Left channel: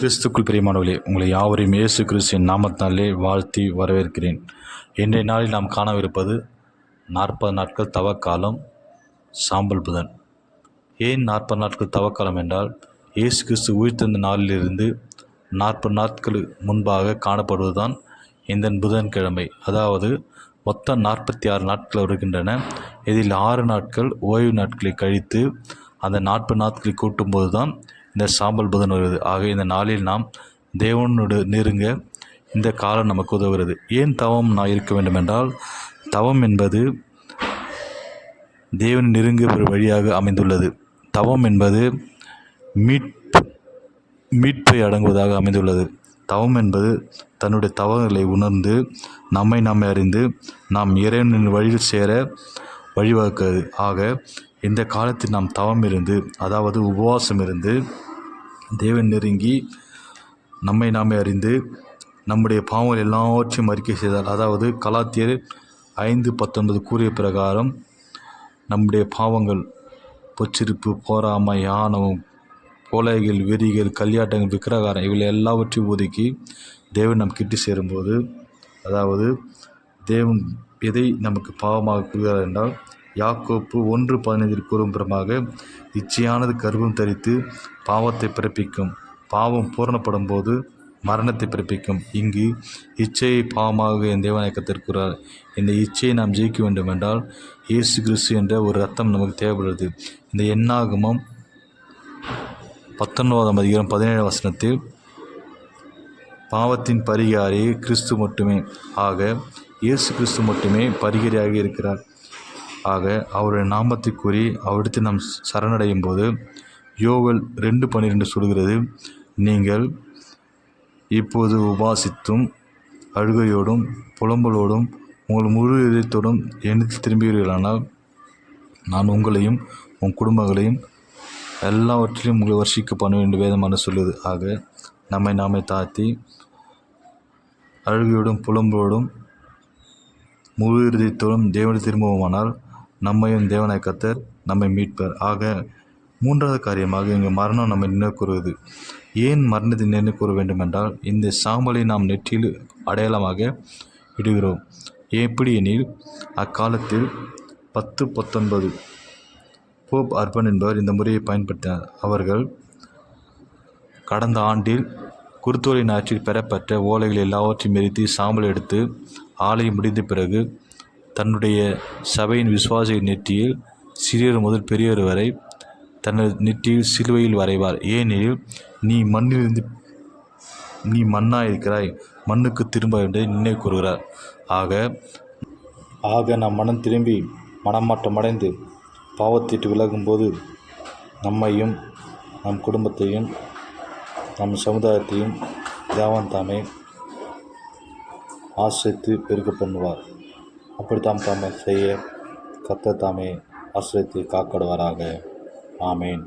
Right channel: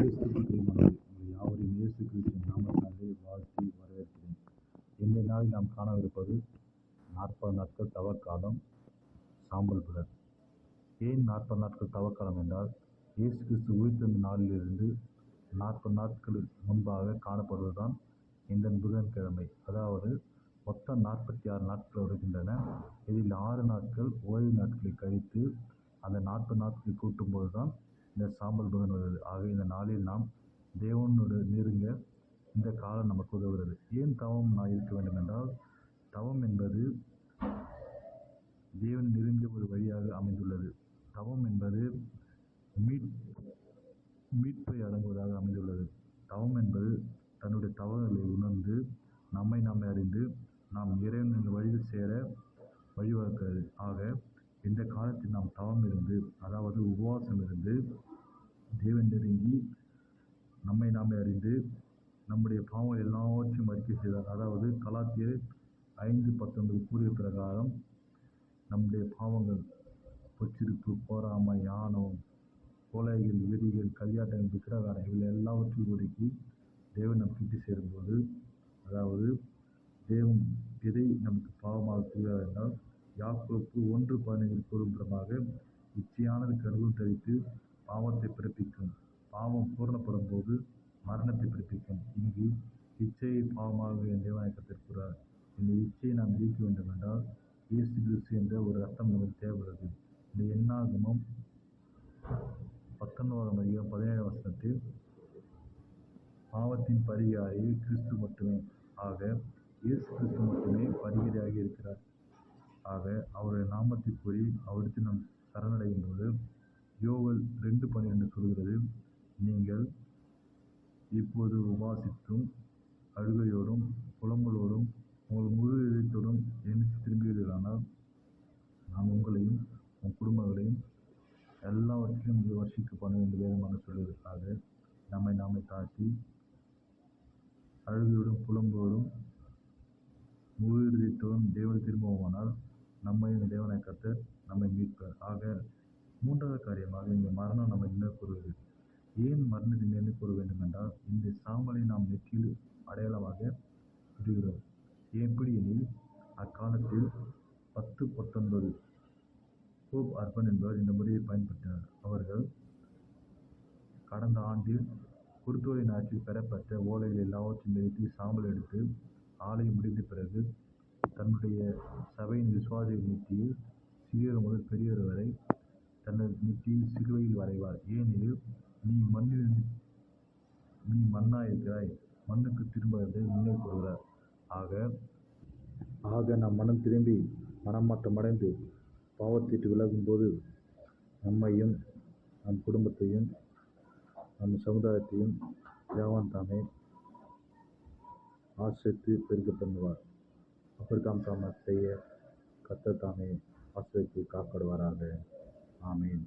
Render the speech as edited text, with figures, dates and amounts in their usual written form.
கிறிஸ்துக்குள் பிரியமானவர்களே, உங்களை யாவரையும் இயேசு கிறிஸ்துவின் நாமத்தினாலே வாழ்த்தி வரவேற்கிறேன். இன்றைய நாளில் நாம் காணவிருப்பது 40 நாட்கள் தவக்காலம், சாம்பல் புதன். ஏன் 40 நாட்கள் தவக்காலம் என்றால், இயேசு கிறிஸ்து உயிர்த்தெழுந்த நாளிலிருந்து 40 நாட்கள் முன்பாக காணப்படுவதுதான் இந்த புதன்கிழமை. அதாவது மொத்தம் 46 நாட்கள் வருகின்றன. இதில் 6 நாட்கள் ஓய்வு நாட்களை கழித்து அந்த 40 நாட்களை கூட்டும்போது தான் இந்த சாம்பல் புதன் வருகிறது. ஆக இந்த நாளில் நாம் தேவனோடு நெருங்க இந்த காலம் நமக்கு உதவுகிறது. ஏன் தவம் நான் இருக்க வேண்டும் என்றால், தவம் என்பது தேவன் நெருங்கிய ஒரு வழியாக அமைந்துள்ளது. தவம் என்பது மீட்பை அடங்குவதாக அமைந்துள்ளது. தவம் என்பது தன்னுடைய தவறுகளை உணர்ந்து நம்மை அறிந்து நாம் இறைவனின் வழியில் சேர வழிவகுக்கிறது. ஆக இந்த காலத்தில் நாம் தவம் இருந்து, அதாவது உபவாசம் இருந்து தேவன் நெருங்கி நம்மை அறிந்து நம்முடைய பாவங்கள் எல்லாவற்றையும் அறிக்கை செய்தால், அதாவது கலாத்தியர் 5:19 கூறிய பிரகாரம் நம்முடைய பாவங்கள் பொச்சிருப்பு, போராமை, ஆணவம், கொலைகள், வெறிகள், கல்யாட்டங்கள், விக்கிரகாரம் இவை எல்லாவற்றையும் ஒதுக்கி தேவன் நம் கிட்டி சேரும்போது, அதாவது தேவன் எதை நமக்கு பாவமாக கூறுகிறார் என்றால், யாக்கோப்பு 1:15 கூறும்புறமாக இச்சையானது கர்ப்பம் தரித்து பாவத்தை பிறப்பிக்கும், பாவம் பூரணப்படும் போது மரணத்தை பிறப்பிக்கும். இங்கு இச்சையை பாவமாக என் தேவனாகிய கர்த்தர் கூறுகிறார். இந்த இச்சையை நாம் ஜெயிக்க வேண்டும் என்றால் இயேசு கிறிஸ்து என்ற ஒரு ரத்தம் நமக்கு தேவைப்படுகிறது. இந்த என்னாகமம் 19:17 பாவத்தின் பரிகாரி கிறிஸ்து மட்டுமே. ஆக இயேசு கிறிஸ்து மட்டுமே பரிகாரியாக இருக்கிறார். ஆக அவருடைய நாமத்தை கூறி அவரிடத்தில் நாம் சரணடையும் போது யோவேல் 2:12 சொல்கிறது, நீங்கள் இப்போது உபாசித்தும் அழுகையோடும் புலம்பலோடும் உங்கள் முழு இதயத்தோடும் என்னிடத்தில் திரும்புவீர்களானால் நான் உங்களையும் உங்கள் குடும்பங்களையும் எல்லாவற்றிலும் உங்களை வர்ஷிக்க பண்ணுவேன் என்று வேதமான சொல்லுது. ஆக நம்மை தாழ்த்தி அழுகையோடும் புலம்பலோடும் முழு இதயத்தோடும் தேவனை திரும்புவோமானால் நம்மையும் தேவனாகிய கர்த்தர் நம்மை மீட்பார். ஆக மூன்றாவது காரியமாக இங்கு மரணம் நம்மை நினைவு கூறுவது. ஏன் மரணத்தை நினைவு கூற வேண்டும் என்றால், இந்த சாம்பலை நாம் நெற்றியில் அடையாளமாக இடுகிறோம். எப்படி எனில், அக்காலத்தில் 10:19 போப் அர்பன் என்பவர் இந்த முறையை பயன்படுத்தினார். அவர்கள் கடந்த ஆண்டில் குருத்தோலை நாற்றில் பெறப்பட்ட ஓலைகள் எல்லாவற்றையும் எரித்து சாம்பல் எடுத்து ஆலயம் முடிந்த பிறகு தன்னுடைய சபையின் விசுவாசிகளின் நெற்றியில் சிறியவர் முதல் பெரியவர் வரை தனது நெற்றியில் சிலுவையில் வரைவார். ஏனெனில் நீ மண்ணாயிருக்கிறாய், மண்ணுக்கு திரும்ப என்று நினைவு கூறுகிறார். ஆக நாம் மனம் திரும்பி மனமாற்றமடைந்து பாவத்திட்டு விலகும்போது நம்மையும் நம் குடும்பத்தையும் நம் சமுதாயத்தையும் தேவன் தாமே ஆசிரித்து பெருக்க பண்ணுவார். அப்படித்தான் தாமே செய்ய கர்த்தர் தாமே ஆசிரியத்தை காக்கடுவாராக. ஆமேன்.